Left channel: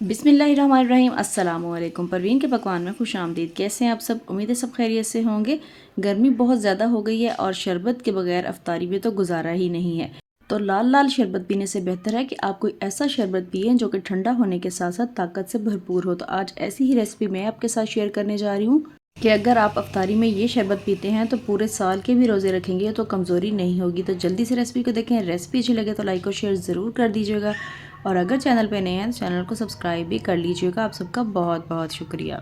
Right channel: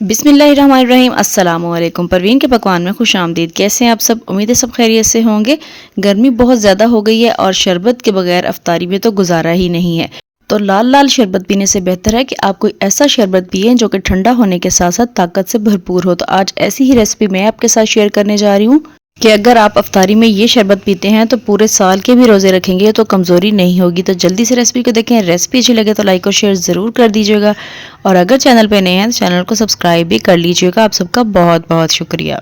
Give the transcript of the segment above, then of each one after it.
बिस्मिल्लाहिर्रहमानिर्रहीम अस्सलाम वालेकुम। परवीन के पकवान में खुश आमदीद। कैसे हैं आप सब? उम्मीद है सब खैरियत से होंगे। गर्मी बहुत ज़्यादा हो गई है और शरबत के बगैर अफ्तारी में तो गुजारा ही नहीं है। तो लाल लाल शरबत पीने से बेहतर है कि आप कोई ऐसा शरबत पिएं जो कि ठंडा होने के साथ साथ ताकत से भरपूर हो। तो आज ऐसी ही रेसिपी मैं आपके साथ शेयर करने जा रही हूँ कि अगर आप अफ्तारी में ये शरबत पीते हैं तो पूरे साल के भी रोज़े रखेंगे तो कमज़ोरी नहीं होगी। तो जल्दी से रेसिपी को देखें। रेसिपी अच्छी लगे तो लाइक और शेयर ज़रूर कर दीजिएगा और अगर चैनल पे नए हैं तो चैनल को सब्सक्राइब भी कर लीजिएगा। आप सबका बहुत बहुत शुक्रिया।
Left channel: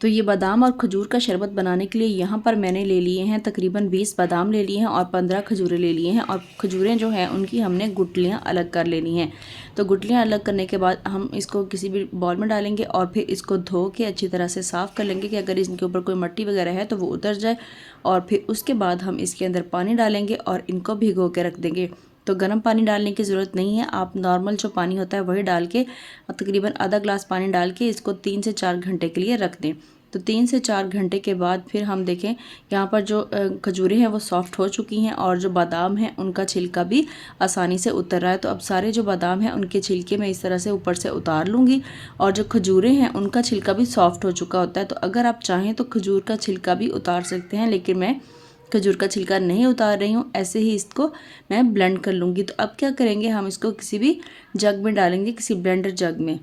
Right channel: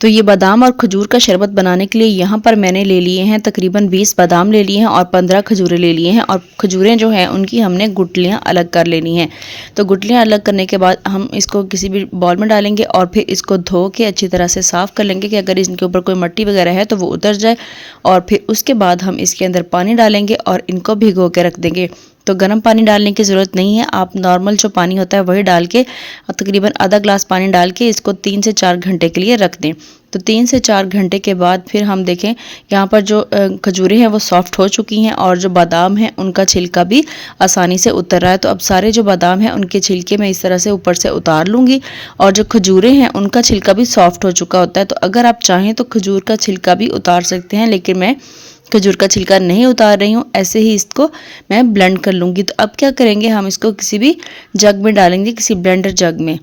तो ये बादाम और खजूर का शरबत बनाने के लिए यहाँ पर मैंने ले लिए हैं तकरीबन 20 बादाम ले लिए हैं और 15 खजूरें ले लिए हैं। और खजूरें जो हैं उनकी हमने गुठलियाँ अलग कर लेनी हैं। तो गुठलियाँ अलग करने के बाद हम इसको किसी भी बॉल में डालेंगे और फिर इसको धो के अच्छी तरह से साफ़ कर लेंगे कि अगर इनके ऊपर कोई मिट्टी वगैरह है तो वो उतर जाए। और फिर उसके बाद हम इसके अंदर पानी डालेंगे और इनको भिगो के रख देंगे। तो गर्म पानी डालने की ज़रूरत नहीं है, आप नॉर्मल जो पानी होता है वही डाल के तकरीबन आधा ग्लास पानी डाल के इसको 3 से 4 घंटे के लिए रख दें। तो 3 से 4 घंटे के बाद फिर हम देखें यहाँ पर जो खजूरें हैं वो सॉफ्ट हो चुकी हैं और जो बादाम हैं उनका छिलका भी आसानी से उतर रहा है। तो अब सारे जो बादाम हैं उनके छिलके मैं इस तरह से ऊपर से उतार लूँगी और जो खजूरें हैं उनका छिलका भी सॉफ्ट हो चुका होता है। तो अगर आप चाहें तो खजूर का छिलका भी उतार सकते हैं, लेकिन मैं खजूर का छिलका नहीं उतार रही हूँ। ऐसे ही इसको मैं ब्लेंड कर लूँगी। तो अब क्या करेंगे, हम इसको किसी भी जग में डालेंगे, किसी ब्लेंडर जग में।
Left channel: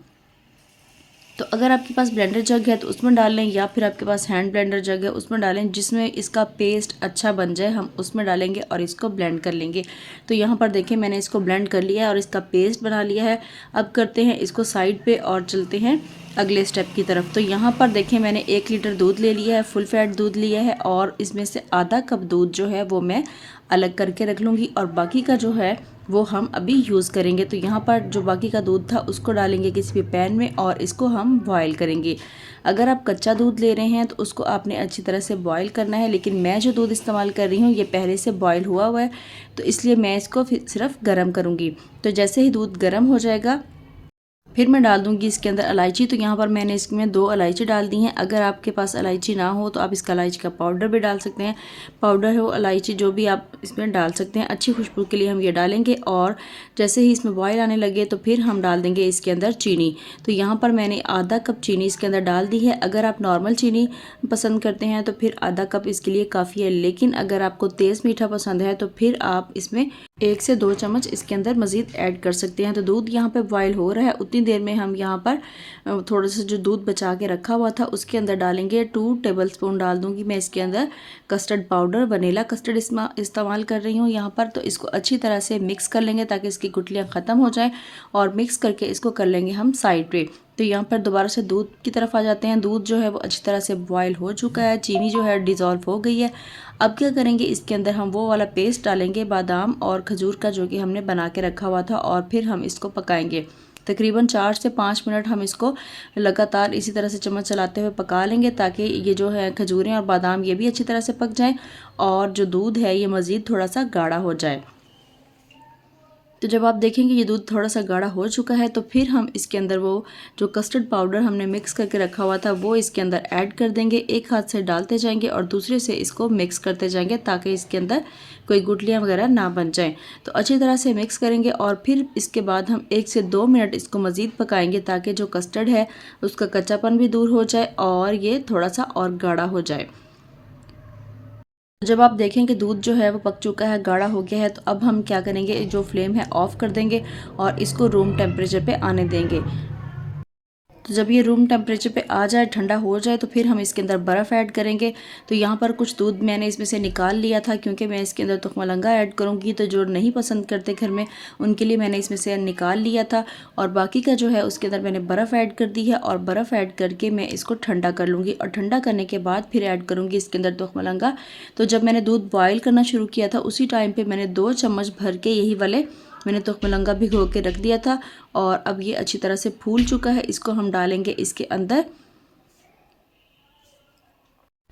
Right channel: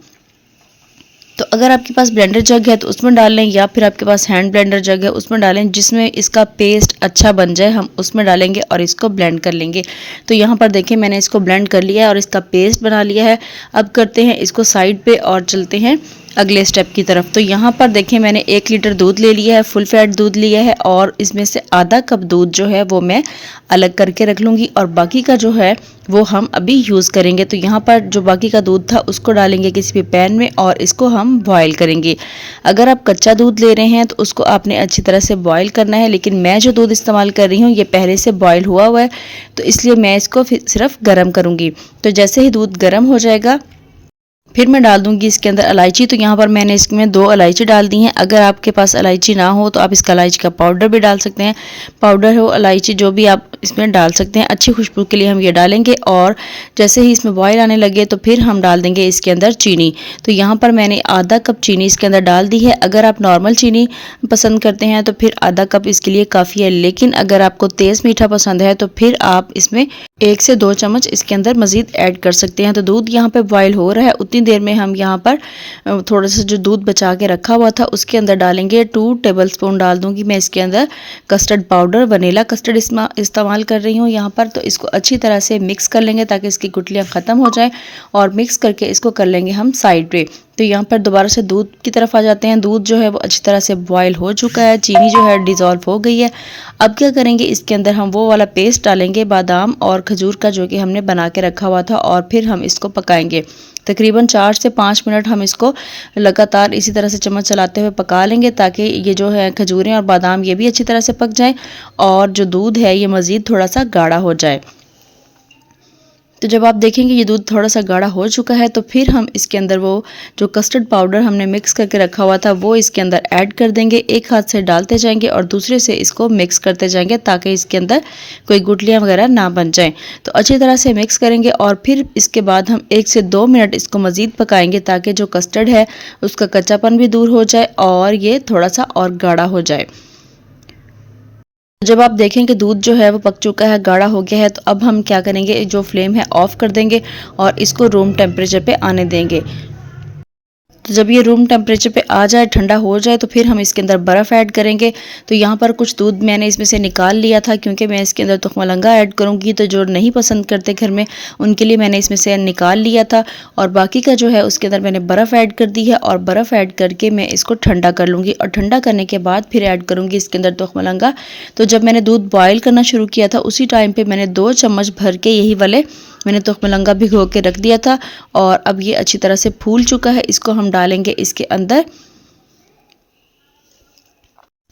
तो अगर आपके पास ब्लेंडर जग है तो उसमें डाल लें या फिर आपके पास हैंड ब्लेंडर जग है उसमें डालें, जिसमें इसका पेस्ट अच्छा बन जाए हम उसमें डालेंगे और इसको ब्लेंड कर लेंगे। तो यहाँ पर देखें मैंने इसको ब्लेंड कर लिया है और इसका पेस्ट बना लिया है। अब करते हैं इसको साइड पे और चलते हैं अगले स्टेप की तरफ। तो यहाँ पर देखें मैंने 1 लीटर दूध ले लिया है, फुल फैट दूध लिया है और इसमें से आधा कप दूध जो है वो मैं अलग करके रख लूँगी और बाकी का जो है वो हम अभी यूज़ करेंगे। तो यहाँ पर जो बाकी का दूध था उसको डालेंगे किसी भी पैन में और इसको हम बॉयल करेंगे। अगर आप कच्चा दूध ले रहे हैं तो उसको आपने अच्छी तरह से बॉयल करना है, लेकिन मैं जो दूध इस्तेमाल कर रही हूँ ये पहले से बॉयल हुआ हुआ है, तो इसलिए मैं इसको सिर्फ गर्म करूँगी। तो जैसे ही दूध गर्म हो जाएगा फिर मैं डाल दूंगी इसके अंदर इलायची। तो यहाँ पर मैंने इसमें 2 इलायची डाल दी हैं। अगर आपके पास इलायची ना हो तो आप इसका इलायची का पाउडर भी डाल सकते हैं, पाउडर हो इलायची जो भी आप इसमें डाल सकते हैं। अच्छी खुशबू के लिए हम ये डालेंगे और जैसे ही इसमें बॉयल आने लगे तो फिर हम डाल देंगे इसके अंदर चीनी। तो यहाँ पर मैंने आधा कप चीनी इसके अंदर डाल दी है। अगर आप नॉर्मल चीनी पसंद करते हैं तो फिर आधा कप इसके लिए काफ़ी है, लेकिन अगर आपको तेज़ मीठा पसंद है तो फिर आप इसमें 1 से 2 चम्मच इसके अंदर मज़ीद ऐड कर सकते हैं। तो दूध यहाँ पे बॉयल हो रहा है, उतनी देर में हम यहाँ पर थोड़ा सा जो दूध बचा के रखा हुआ था उसके अंदर डालेंगे 2 टेबलस्पून डाल दूंगी मैं इसके अंदर कस्टर्ड पाउडर। वनीला कस्टर्ड इस्तेमाल कर रही हूँ यहाँ पर। तो इसको अच्छी तरह से मिक्स कर लेंगे ताकि इसकी गुठलियाँ ख़त्म हो जाए और मिक्स करके इसको कर लेंगे हम साइड पे। तो यहाँ पर दोबारा से दूध की तरफ आ जाते हैं। दूध जो है वो अच्छी तरह से बॉयल हो चुका है, चीनी जो है डिज़ोल्व हो गई है। अब क्या करेंगे, इसके अंदर हम वो वाला पेस्ट डालेंगे बादाम और खजूर का जो कि हमने बना के रखा हुआ था और फिर हम इसको पकाएंगे। तकरीबन 4 से 5 मिनट हम इसको लगातार इसी तरह से चम्मच चलाते हुए पका लेंगे ताकि ये जो है खजूरें और बादाम ये भी अच्छी तरह से पक जाएं और जो दूध है ये मज़ीद थोड़ा सा गाढ़ा हो जाए। तो जब आप देखेंगे ये दूध थोड़ा सा गाढ़ा हो चुका है तो फिर हम इसके अंदर वो जो कस्टर्ड पाउडर हमने मिक्स करके रखा हुआ था वो इसके अंदर ऐड कर देंगे। एक हाथ से डालते जाएंगे और दूसरे से इसको मिक्स करते जाएंगे ताकि इसके अंदर कोई गुठलियाँ वगैरह ना बन जाएं। तो अच्छी तरह से मिक्स करेंगे और फिर इसके बाद हम 1 से 2 मिनट इसको मज़ीद पकाएंगे ताकि जो कस्टर्ड है उसका कच्चापन भी दूर हो जाए और ये थोड़ा सा और गाढ़ा हो जाए। जब आप देखें कि दूध जो है वो पक चुका है, गाढ़ा हो गया है, तो अब हम क्या करेंगे, जो फ्लेम है ऑफ़ कर देंगे और इसको रूम टेम्परेचर पे आने देंगे। तो जब ये रूम टेम्परेचर पे आ जाए, ठंडा हो जाए, तो फिर हम इसके अंदर बर्फ़ ऐड करेंगे। तो यहाँ पर कुछ दूध मैंने इसमें से निकाल लिया था क्योंकि मैं इसके अंदर तुखमलंगा ऐड करूँगी, तो जो नहीं पसंद करते घर में उनके लिए मैंने इसमें से निकाल लिया था और बाकी का जो है उसके अंदर मैंने बर्फ़ ऐड कर दी है और बर्फ़ ऐड करके मैं इसको ठंडा कर लूँगी और ठंडा करने के बाद फिर ऐड करूँगी इसके अंदर तुखमलंगा। तो जब मैंने दूध बॉयल करना शुरू किया था उसी टाइम पर मैंने 2 चम्मच भर के यही वाले मैंने तुखमलंगा भिगो के रख दिया था और अब ये अच्छी तरह से फूल चुका है। इसको हम डालेंगे इसके अंदर।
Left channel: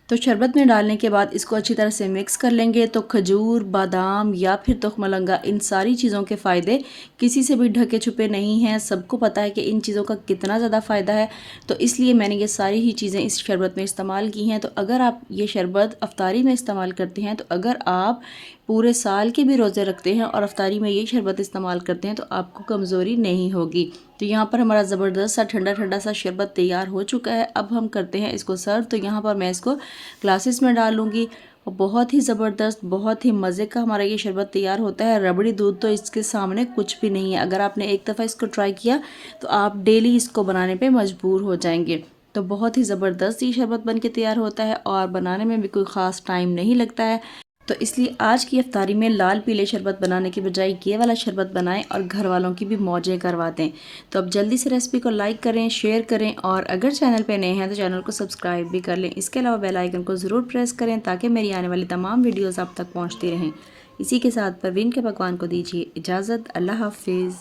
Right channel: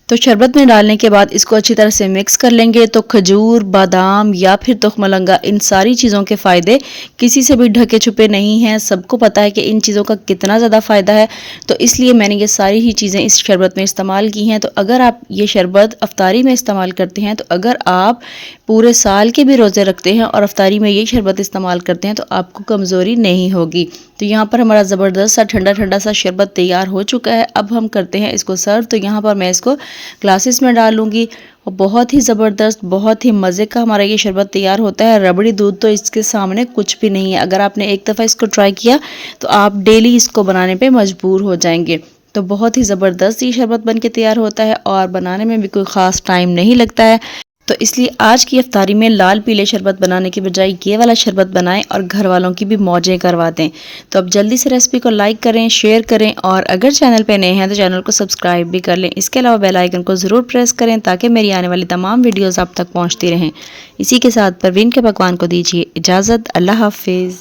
तो शरबत में डालने के बाद इसको अच्छी तरह से मिक्स कर लेंगे। तो खजूर, बादाम या फिर तुखमलंगा, इन सारी चीज़ों के फ़ायदे किसी से भी ढके छुपे नहीं हैं। सबको पता है कि इन चीज़ों का कितना ज़्यादा फ़ायदा है, तो इसलिए मैंने ये सारी ही चीज़ें इस शरबत में इस्तेमाल की हैं। तो अगर आप ये शरबत अफ्तारी में इस्तेमाल करते हैं, तो अगर आप पूरे साल के भी रोज़े रखते हैं और अफ्तारी में ये शरबत इस्तेमाल करते हैं तो आपको कमज़ोरी नहीं होगी। तो यहाँ पर हमारा ज़बरदस्त सा ठंडा ठंडा सा शरबत तैयार हो चुका है। अब हम करते हैं इसको सर्व। तो यहाँ पर मैं इसको ग्लासेस में डालूँगी और बहुत ही ज़बरदस्त, बहुत ही मज़े का हमारा ये शरबत तैयार होता है। रबड़ी दूध तो इसके सामने कुछ भी नहीं है। अगर आपने एक दफ़ा इसको ट्राई किया तो आप डेली इसको बनाने पे मजबूर हो जाएंगे। तो बहुत ही ज़बरदस्त ये शरबत बन के तैयार होता है और बनाने में भी कोई ख़ास टाइम नहीं लगता है। तो इसलिए आज की इफ्तारी में लाल पीले शरबत बनाने की बजाय ये वाला शरबत बनाएं और घर वालों की भी मौजें करवा दें। तो अब जल्दी से रेसिपी को लाइक करें, शेयर करें और अगर चैनल पे नए हैं तो चैनल को सब्सक्राइब भी कर लें। इसके अलावा बेल आइकन को ज़रूर प्रेस करें ताकि मेरी आने वाली तमाम वीडियोज़ आप तक पहुँचती रहें। इसी के साथ परवीन के पकवान को दीजिए इजाज़त। अल्लाह हाफिज़।